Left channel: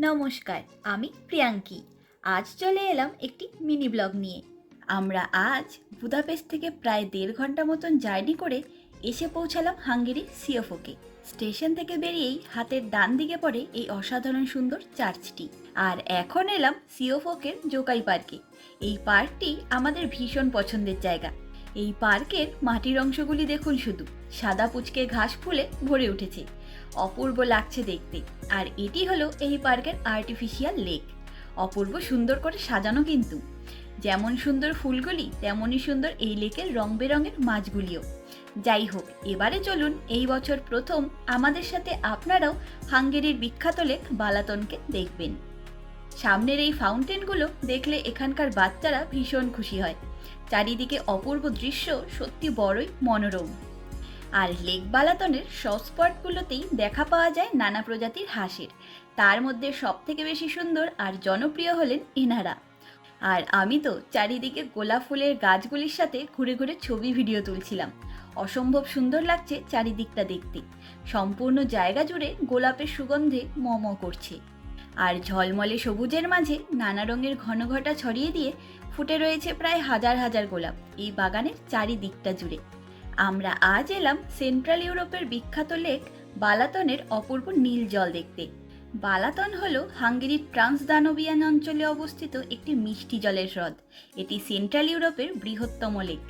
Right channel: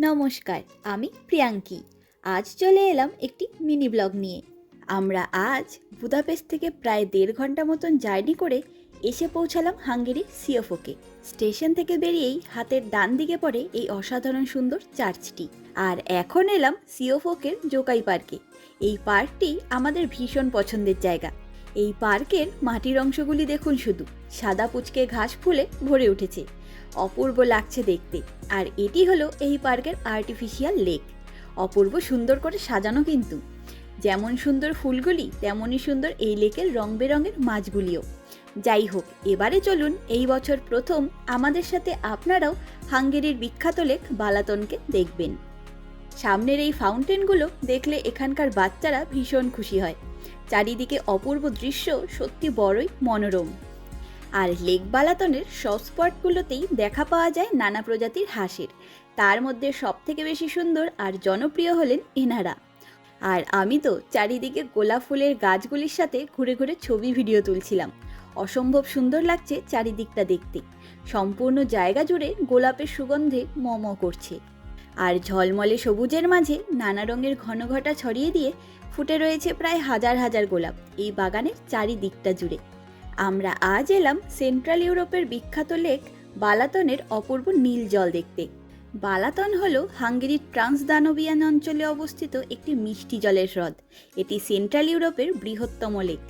নমস্কার, আমি প্রিয়াঙ্কি। আজ চলে এলাম একটি মিনি ব্লগ নিয়ে। আমরা আজ বুদাপেস্ট থেকে প্রায় দেড় ঘণ্টা মতন জার্নি করে এসে পৌঁছালাম হাঙ্গেরি সিওফোকে স্টেশন থেকে বেরিয়েই হাতের ডান দিকে পড়ে এই অসাধারণ সুন্দর চার্চটি। আর এখন এলাম সিওফোকের জোকাই পার্কে। এই পার্কটি আমাদের ভীষণ পছন্দের জায়গা। এই পার্কের মাটির অংশগুলি দেখুন শুধু। সাদা পুচকে ঘাস ফুলে ভরে উঠেছে। অপূর্ব লাগছে দেখতে। আর এটি হলো এই পার্কের আর্টিফিশিয়াল লেক অপূর্ব সুন্দর করে সাজানো কিন্তু। যেমন সুন্দর ফুলগুলি তেমনই সুন্দর এই লেকের রং বেরঙের মাছগুলিও। যাই হোক, এবারে চলুন এই বছর প্রথম আমাদের সাথে আপনারাও হাঙ্গেরির বিখ্যাত লেক বালাতনকে দেখবেন। সামনের এই ফাউন্টেনগুলো দেখলে এখানকার বাচ্চারা ভীষণ খুশি হয়। চারিদিকে অপূর্ব দৃশ্য, সত্যি বড়ই মনোরম। আর লেক বালাতনের সব স্পটগুলোতেই দেখা পাওয়া যায় নানা প্রজাতির হাঁসের। তার মধ্যে সব থেকে বেশি সুন্দর আর জনপ্রিয় হলেন এনারা। আর আমি তো চারিদিকে গোলাপ ফুলের গাছগুলির সাথে ঘুরে ঘুরে ছবি, ভিডিও তুলছিলাম। অসম্ভব সুন্দর লাগছে চারিদিকটা দেখতে। সম্পূর্ণ জায়গা জুড়ে গোলাপের সুগন্ধে মম করছে। আর ঝলমলে সবুজের মাঝে নানা রঙের ঘনঘটা ছড়িয়ে দিয়ে ফুটে রয়েছে প্রায় হাজার হাজার গোলাপ এই বাগানের চারিদিকটা জুড়ে। আমরা আজ এলাম সেন্ট্রাল ইউরোপের বিখ্যাত লেক বালাতনের অপূর্ব নীল জল দেখতে। বালাতন হল হাঙ্গেরির ট্রান্সদানোবিয়ান অঞ্চলে অবস্থিত একটি মিষ্টি জলের হ্রদ। এটি সেন্ট্রাল ইউরোপের বৃহত্তম লেক।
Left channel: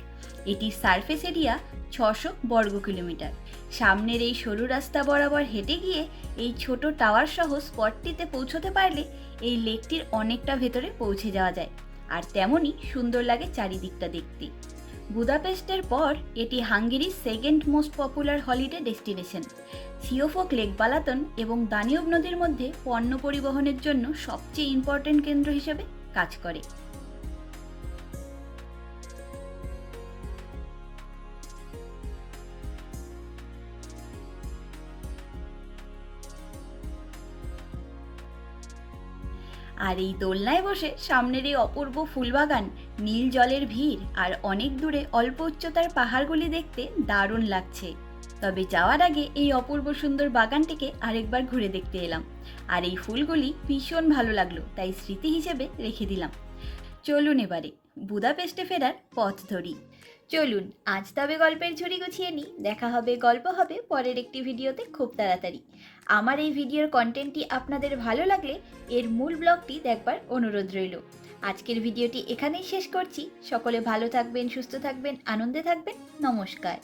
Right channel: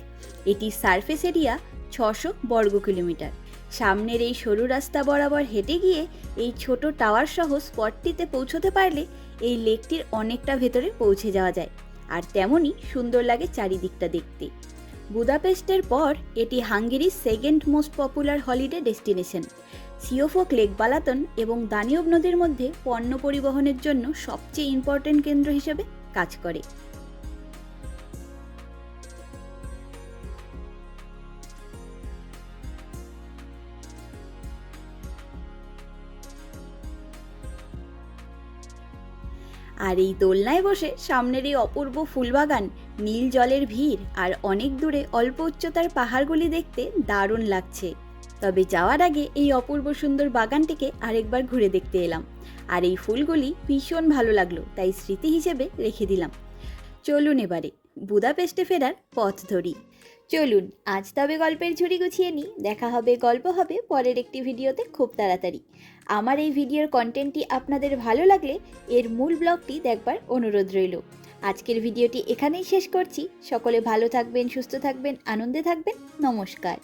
এটির সারফেস এরিয়া ছশো বর্গ কিলোমিটার। সামনের এই সরু রাস্তা বরাবর হেঁটে গিয়ে এই ছোট টাওয়ার সহ স্পটটিতে পৌঁছতে পারলে এই লেকটির অনেকটা ভেতরে পৌঁছে যাওয়া যায়। আর তেমনই সুন্দর লাগে চারিদিকটা দেখতে। বুদাপেস্টের পর, এটি হাঙ্গেরির second most popular holiday destination. Siofok lake Balaton এবং দানিয়ব নদীর মধ্যে পণ্য পরিবহনের জন্য সবচেয়ে ইম্পর্টেন্ট কেন্দ্র হিসেবে কাজ করে। আর এই দোলনায় বসে সামনের এই অপূর্ব ফুলবাগান নীল জলের ভিড় আর অনেক দূরে অল্প উচ্চতার পাহাড়গুলি দেখতে দারুণ লাগছে। তবে যাওয়ার আগে এই অপূর্ব সুন্দর বাগানটিকে আরেকবার ঘুরে দেখতে এলাম। আর এই ফুলগুলি ভীষণ ভালো লাগল, তাই স্মৃতি হিসেবে রেখে দিলাম। চলুন এবারে, বুদাপেস্টে ফেরার পথ ধরি। চলুন, আজ তবে গল্পের ঝুড়ি গুছিয়ে নিই। দেখা হবে, গল্প হবে, পরের একটি ভিডিওতে খুব তাড়াতাড়ি। আমার এই ভিডিওর কন্টেন্টটি আপনাদের ভালো লাগলে এর মূল ব্লগটি দেখবার অনুরোধ রইল। আজকের ভিডিওটি এখানেই শেষ করছি। সকলে ভালো থাকবেন, সুস্থ থাকবেন, আনন্দে থাকবেন। নমস্কার।